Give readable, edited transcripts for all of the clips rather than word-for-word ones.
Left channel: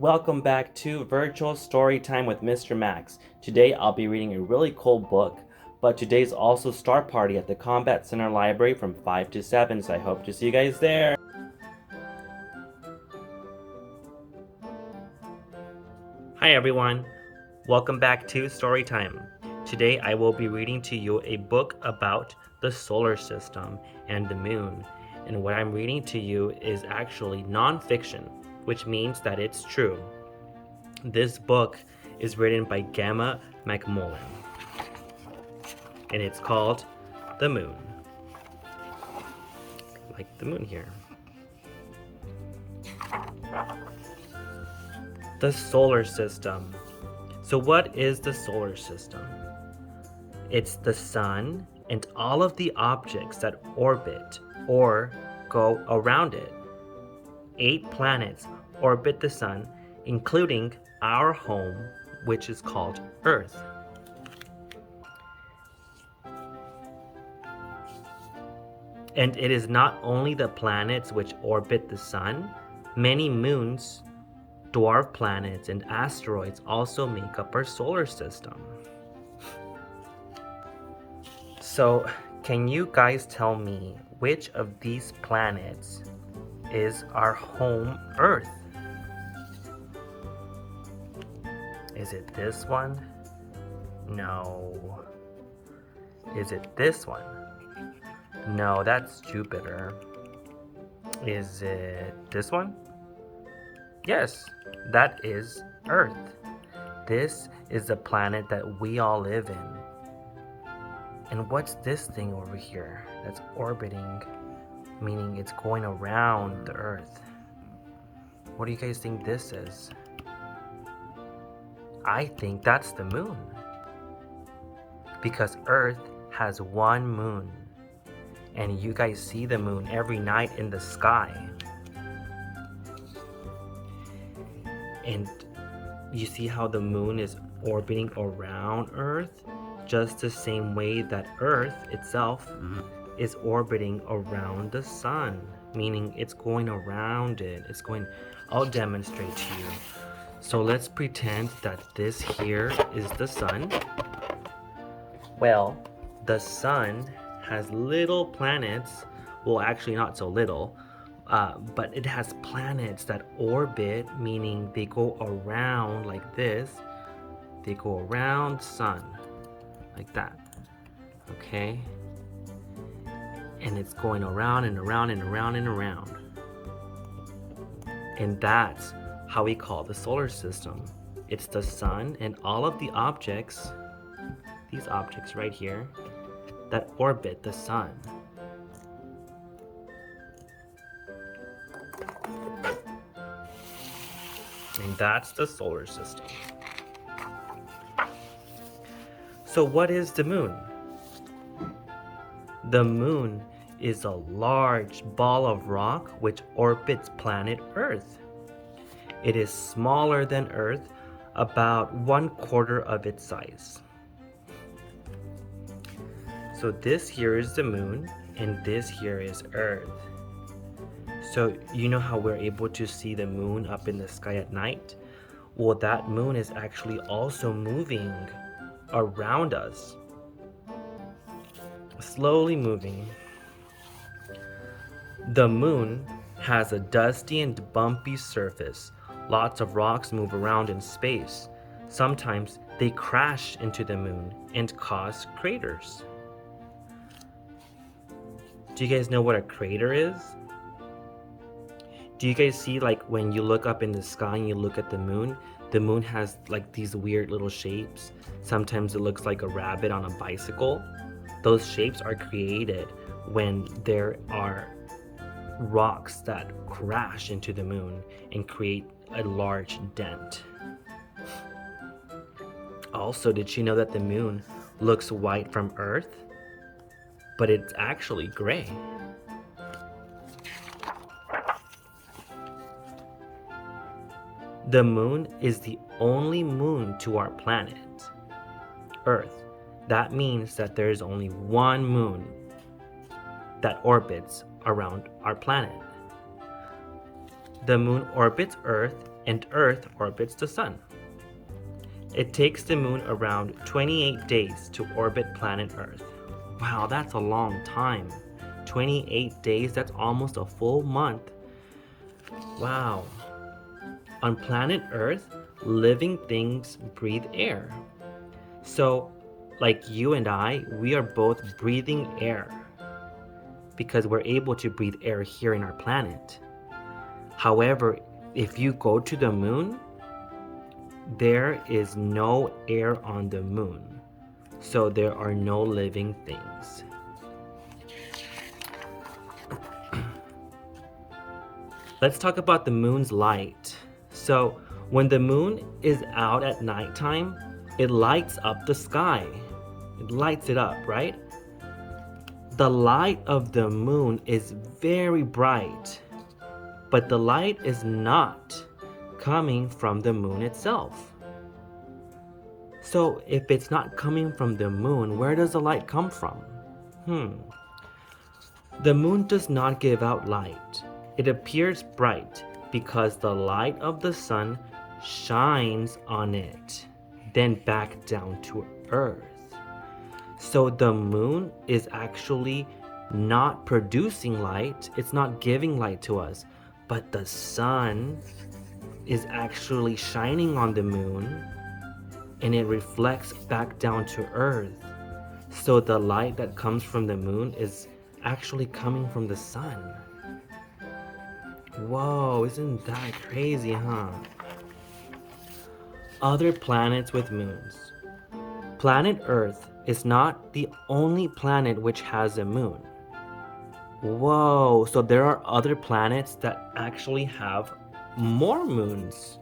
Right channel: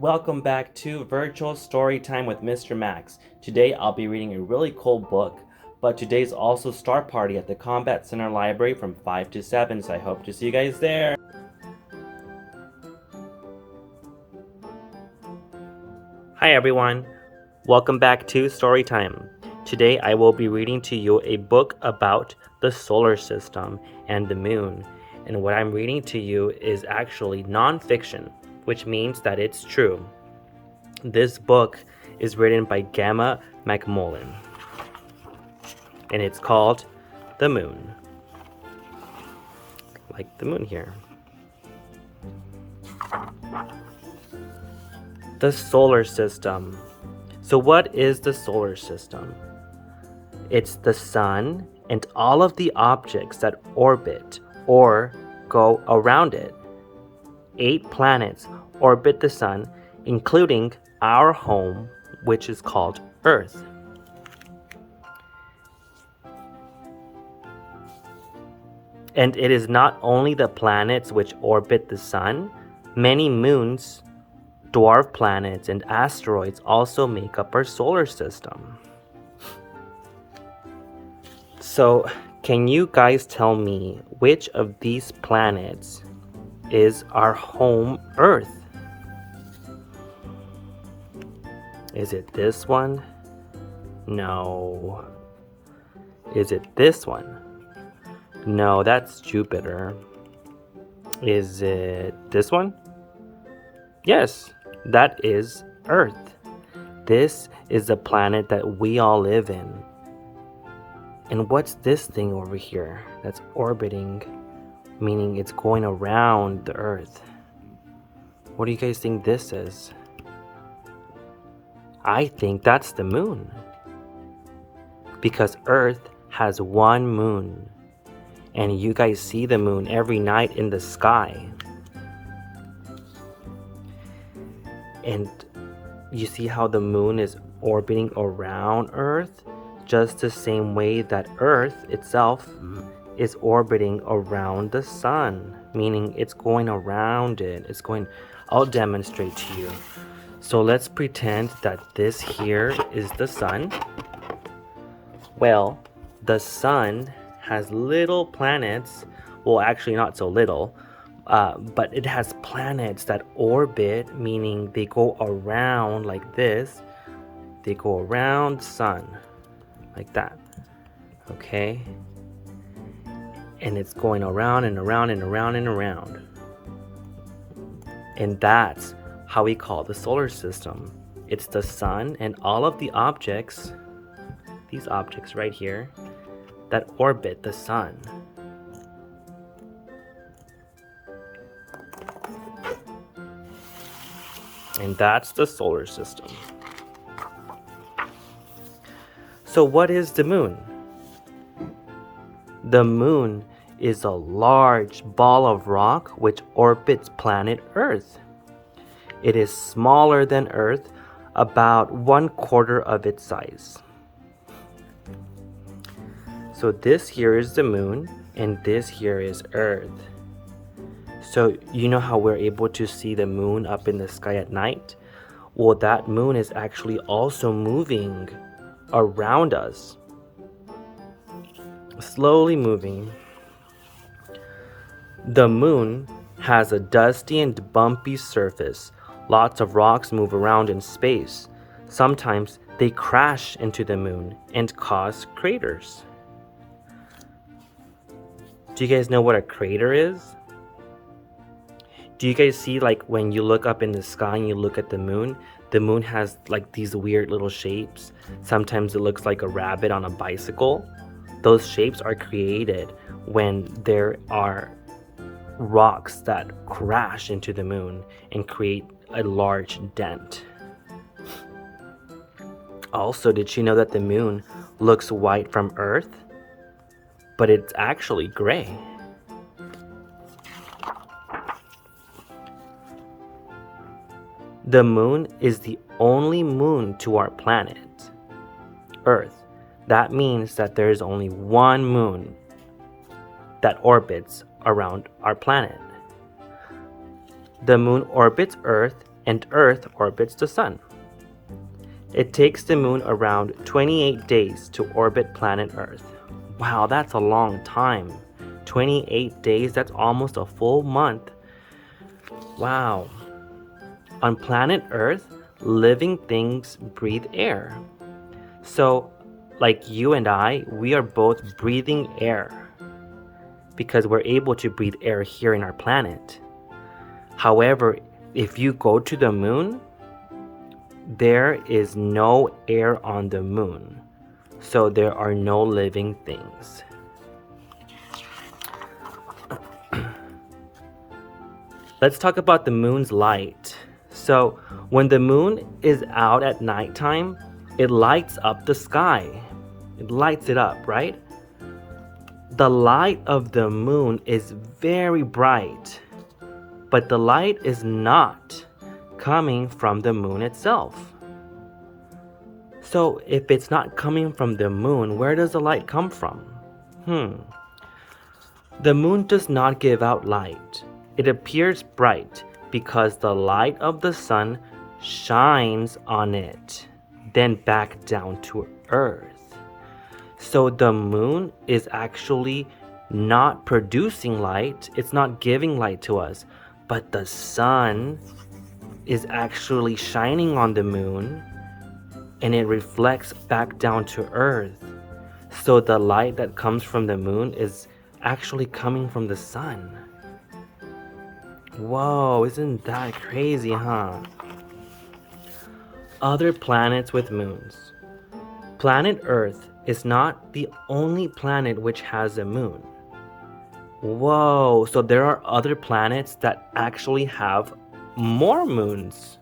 Welcome back to Virtual Storytime with Mr. Max. Today I'll be reading a really cool book, but today's also Star Party at the Combat Center Library from 5 to 7, so I hope to see you guys there. Hi everyone, welcome back to Storytime. Today I will be reading to you a book about the solar system and the moon. And what I'm reading to you is actually non-fiction, which means that it's true. This book is written by Gamma McMullen, and it's called The Moon. Like the moon here. The solar system. So what is the solar system? It's the sun and all of the objects that orbit or go around it. 8 planets orbit the sun, including our home, which is called Earth. And it is not only the planets which orbit the sun, many moons, dwarf planets, and asteroids also make up our solar system. So, can you guys tell me which of these planets is our home Earth? Is it this one? No. Is it this one? No, that's Jupiter. Is it this one? Yes, that is Earth. This is the planet that we all live in. And what's this thing over here that's orbiting, meaning it's going around the Earth? What do you guys think this is? I think that's the moon. Because Earth has one moon. And you guys see the moon every night in the sky. And you see how the moon is orbiting around Earth? Just the same way that Earth itself is orbiting around the sun. Meaning it's going around it. I'll demonstrate to you. So let's pretend that this here is the sun. Well, the sun has little planets. Well, actually not so little. But it has planets that orbit, meaning they go around like this. They go around the sun. Like that. Okay? And it's going around and around and around and around. And that's how we call the solar system. It's the sun and all of the objects, these objects right here, that orbit the sun. And that's the solar system. So what is the moon? The moon is a large ball of rock which orbits planet Earth. It is smaller than Earth, about 1/4 of its size. So this here is the moon, and this here is Earth. So you know how we're able to see the moon up in the sky at night? Well, that moon is actually also moving around us. Slowly moving. The moon has a dusty and bumpy surface. Lots of rocks move around in space. Sometimes they crash into the moon and cause craters. Do you guys know what a crater is? Do you guys see, like, when you look up in the sky and you look at the moon has like these weird little shapes. Sometimes it looks like a rabbit on a bicycle. Those shapes are created when there are rocks that crash into the moon and create a large dent. Also, did you know that the moon looks white from Earth? But it's actually gray. The moon is the only moon to our planet, Earth. That means that there is only one moon that orbits around our planet. The moon orbits Earth and Earth orbits the sun. It takes the moon around 28 days to orbit planet Earth. Wow, that's a long time. 28 days, that's almost a full month. Wow. On planet Earth, living things breathe air. So, like you and I, we are both breathing air because we're able to breathe air here in our planet. However, if you go to the moon, there is no air on the moon. So there are no living things. Let's talk about the moon's light. So when the moon is out at nighttime, it lights up the sky. It lights it up, right? The light of the moon is very bright, but the light is not coming from the moon itself. So if it's not coming from the moon, where does the light come from? The moon does not give out light. It appears bright because the light of the sun shines on it, then back down to Earth. So the moon is actually not producing light. It's not giving light to us, but the sun is actually shining on the moon and it reflects back down to Earth. So the light that comes from the moon is actually coming from the sun. Whoa, isn't that crazy, huh? Other planets with moons. Planet Earth is not the only planet which has a moon. Whoa, so there are other planets that actually have more moons.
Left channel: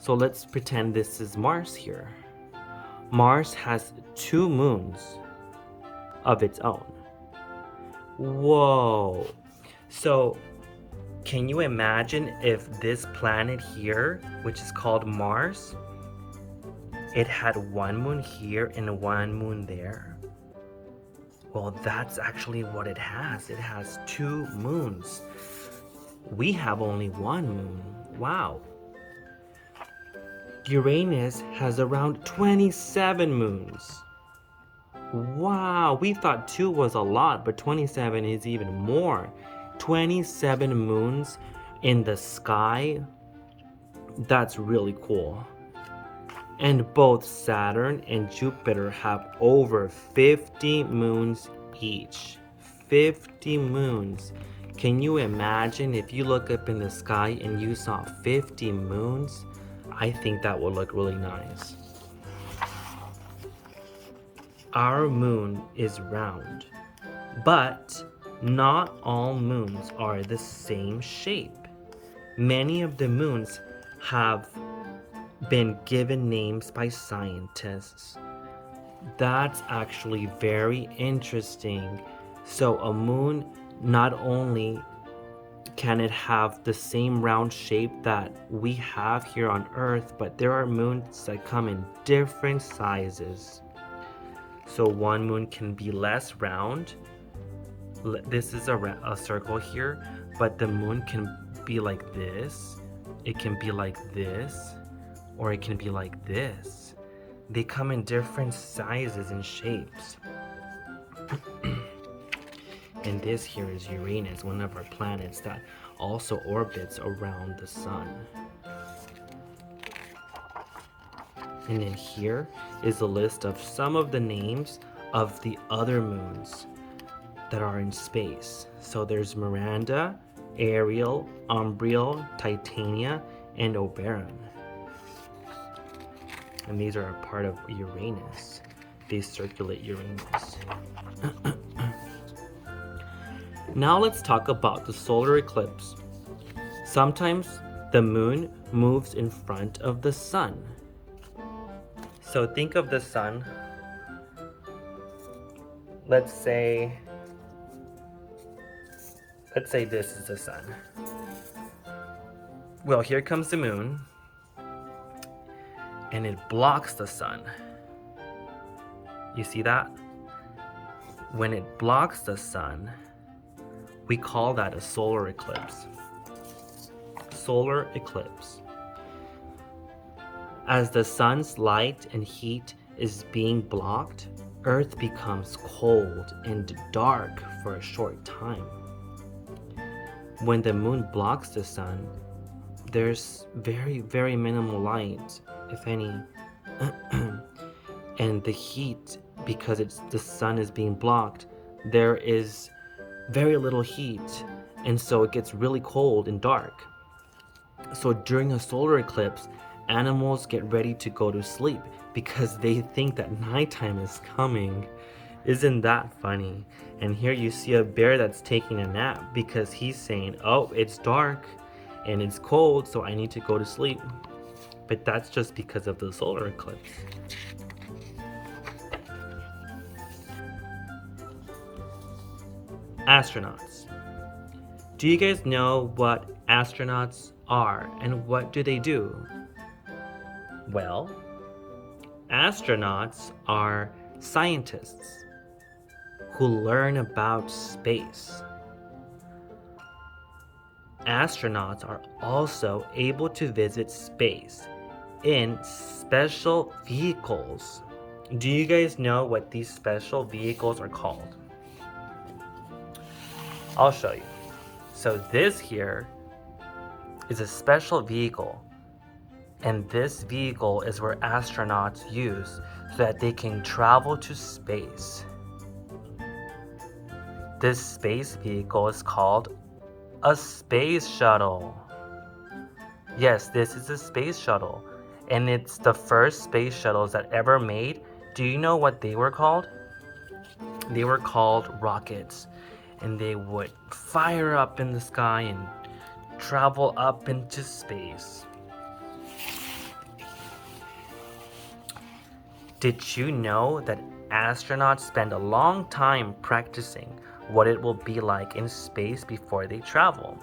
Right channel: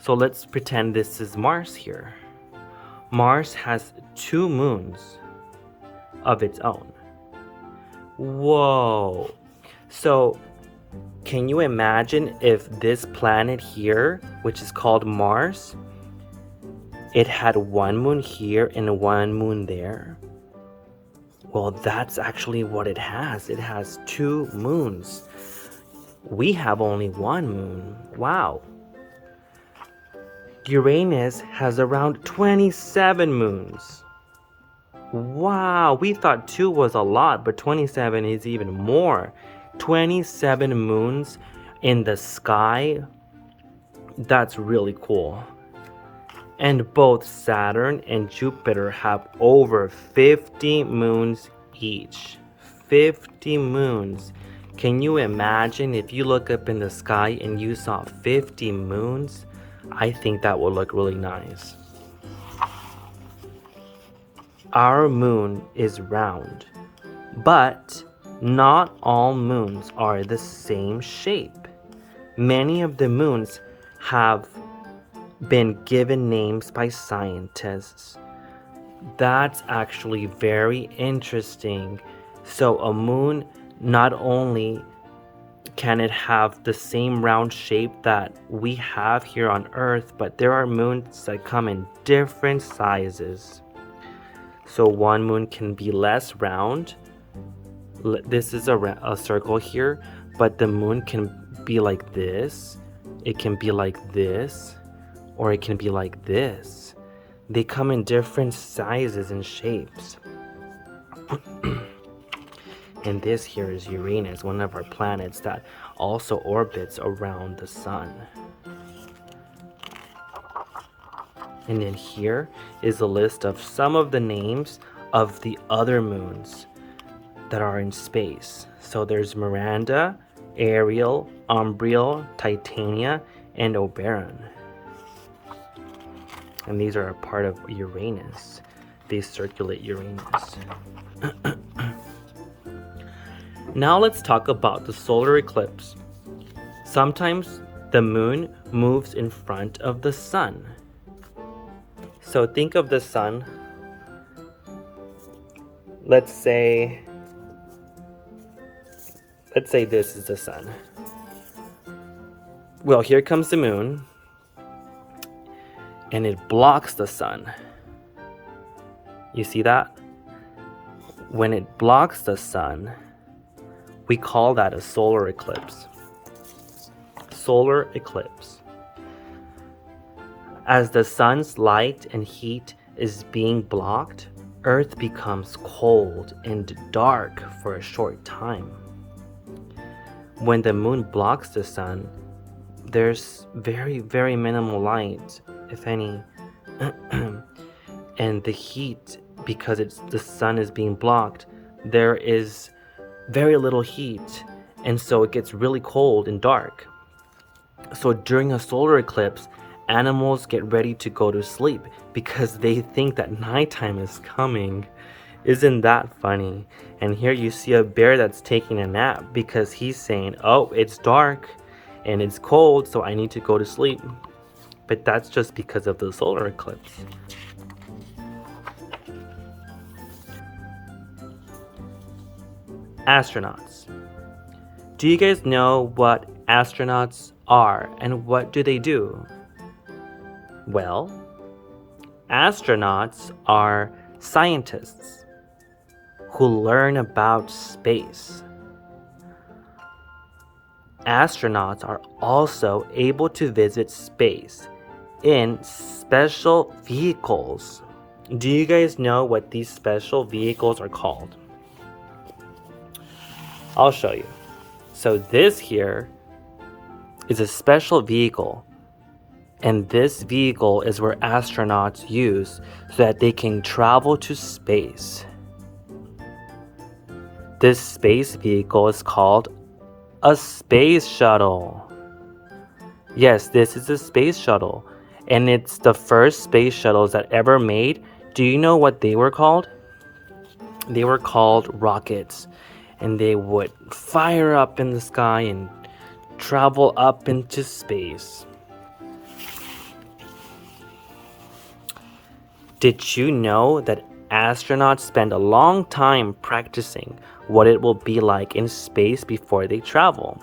So let's pretend this is Mars here. Mars has 2 moons of its own. Whoa. So can you imagine if this planet here, which is called Mars, it had 1 moon here and 1 moon there? Well, that's actually what it has. It has 2 moons. We have only 1 moon. Wow. Uranus has around 27 moons. Wow, we thought 2 was a lot, but 27 is even more. 27 moons in the sky. That's really cool. And both Saturn and Jupiter have over 50 moons each. 50 moons. Can you imagine if you look up in the sky and you saw 50 moons? I think that would look really nice. Our moon is round, but not all moons are the same shape. Many of the moons have been given names by scientists. That's actually very interesting. So a moon, not only can it have the same round shape that we have here on Earth, but there are moons that come in different sizes. So one moon can be less round. This is a circle here, but the moon can be like this. It can be like this, or it can be like this. They come in different sizes and shapes. And this here is Uranus, one of our planets that also orbits around the sun. And then here is a list of some of the names of the other moons that are in space. So there's Miranda, Ariel, Umbriel, Titania, and Oberon. And these are a part of Uranus. They circulate Uranus. Now let's talk about the solar eclipse. Sometimes the moon moves in front of the sun. So think of the sun. Let's say this is the sun. Well, here comes the moon, and it blocks the sun. You see that? When it blocks the sun, we call that a solar eclipse. Solar eclipse. As the sun's light and heat is being blocked, Earth becomes cold and dark for a short time. When the moon blocks the sun, there's very, very minimal light, if any. And the heat, because the sun is being blocked, there is very little heat, and so it gets really cold and dark. So during a solar eclipse, animals get ready to go to sleep because they think that nighttime is coming. Isn't that funny? And here you see a bear that's taking a nap because he's saying, oh, it's dark and it's cold, so I need to go to sleep. But that's just because of the solar eclipse. Astronauts. Do you guys know what astronauts are and what do they do? Well, astronauts are scientists who learn about space. Astronauts are also able to visit space in special vehicles. Do you guys know what these special vehicles are called? I'll show you. So this here is a special vehicle, and this vehicle is where astronauts use so that they can travel to space. This space vehicle is called a space shuttle. Yes, this is a space shuttle, and it's the first space shuttles that ever made. Do you know what they were called? They were called rockets, and they would fire up in the sky and travel up into space. Did you know that astronauts spend a long time practicing what it will be like in space before they travel?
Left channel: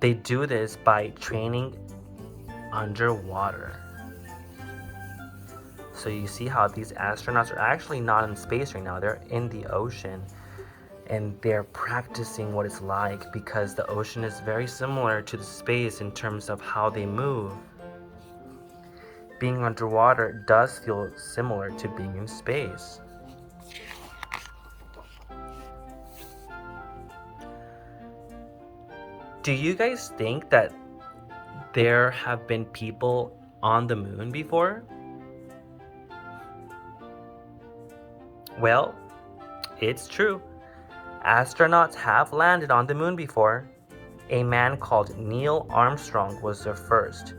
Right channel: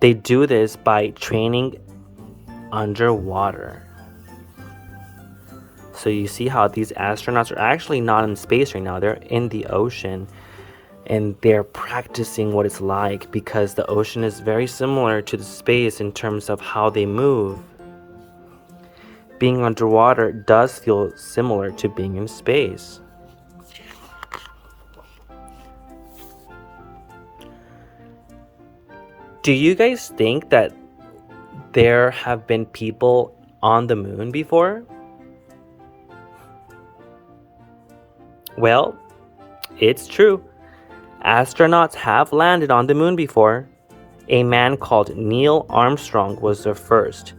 They do this by training underwater. So you see how these astronauts are actually not in space right now, they're in the ocean. And they're practicing what it's like because the ocean is very similar to the space in terms of how they move. Being underwater does feel similar to being in space. Do you guys think that there have been people on the moon before? Well, it's true. Astronauts have landed on the moon before. A man called Neil Armstrong was the first.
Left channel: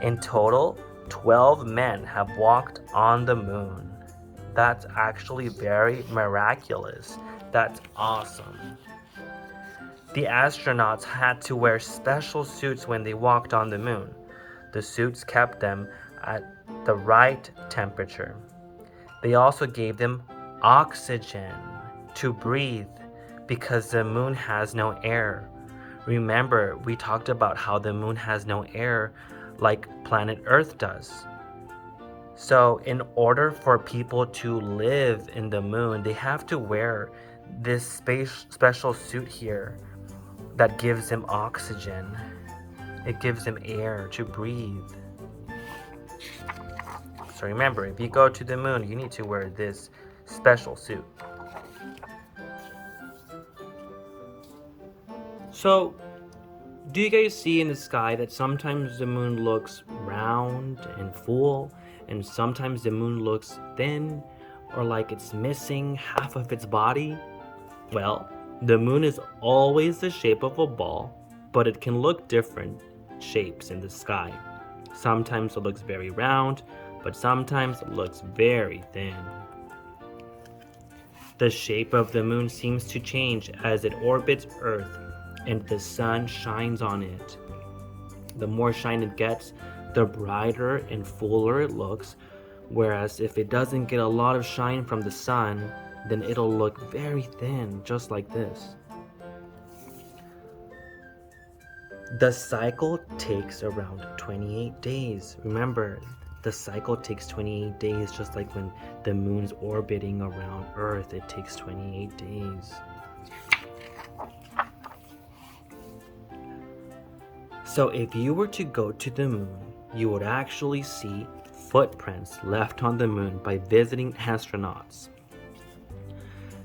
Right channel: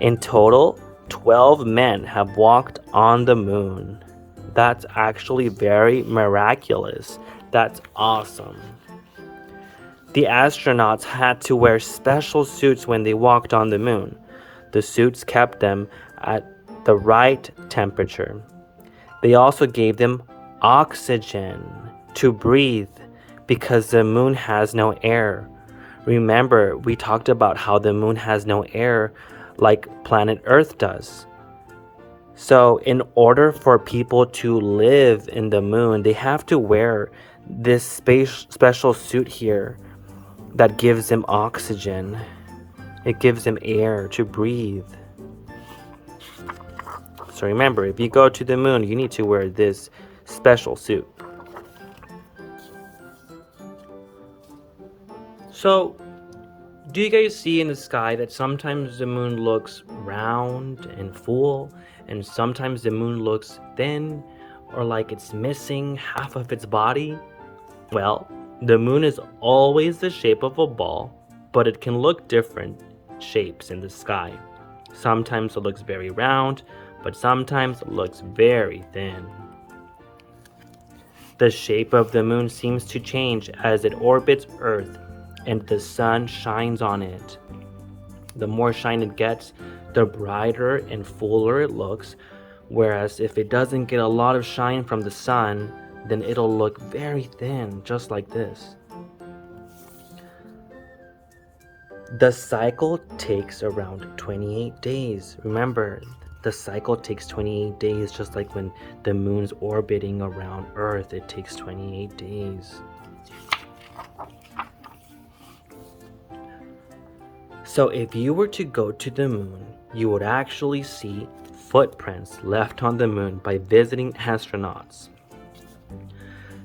In total, 12 men have walked on the moon. That's actually very miraculous. That's awesome. The astronauts had to wear special suits when they walked on the moon. The suits kept them at the right temperature. They also gave them oxygen to breathe because the moon has no air. Remember, we talked about how the moon has no air like planet Earth does. So in order for people to live in the moon, they have to wear this special suit here that gives them oxygen. It gives them air to breathe. So remember, if you go to the moon, you need to wear this special suit. So, do you guys see in the sky that sometimes the moon looks round and full, and sometimes the moon looks thin, or like it's missing half of its body? Well, the moon is always the shape of a ball, but it can look different shapes in the sky. Sometimes it looks very round, but sometimes it looks very thin. The shape of the moon seems to change as it orbits Earth and the sun shines on it. The more shine it gets, the brighter and fuller it looks, whereas if it doesn't get a lot of shine from the sun, then it'll look very thin, just like this. The cycle takes around 28 days. Remember, the cycle takes 28 days, just like when the moon's orbiting around Earth, it takes 28 days. So if you were to go to the moon, you would actually see footprints left on the moon by visiting astronauts.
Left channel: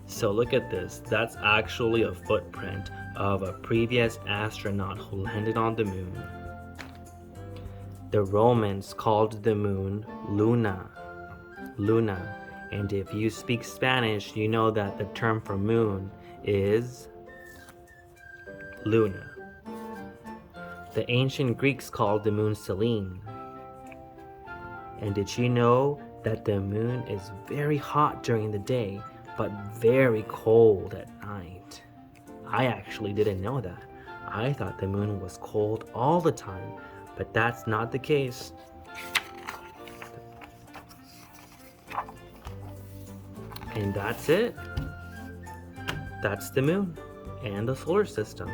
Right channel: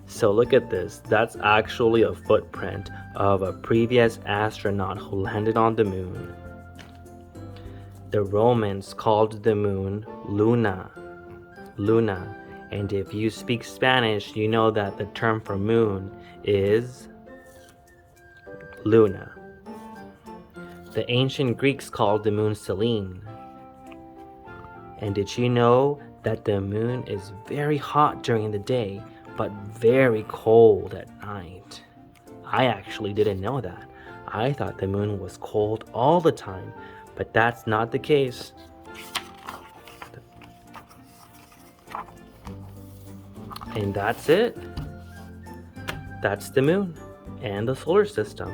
So look at this. That's actually a footprint of a previous astronaut who landed on the moon. The Romans called the moon Luna. And if you speak Spanish, you know that the term for moon is Luna. The ancient Greeks called the moon Selene. And did you know that the moon is very hot during the day, but very cold at night? I actually didn't know that. I thought the moon was cold all the time, but that's not the case. And that's it. That's the moon and the solar system.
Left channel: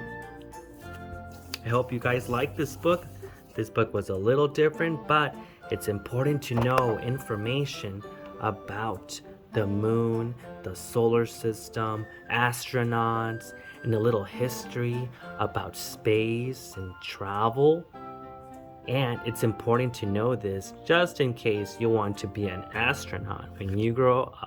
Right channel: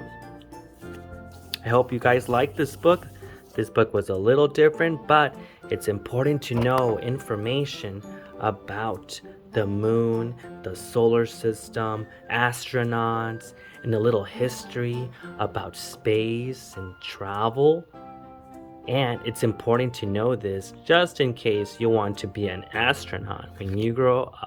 I hope you guys liked this book. This book was a little different, but it's important to know information about the moon, the solar system, astronauts, and a little history about space and travel. And it's important to know this just in case you want to be an astronaut when you grow up.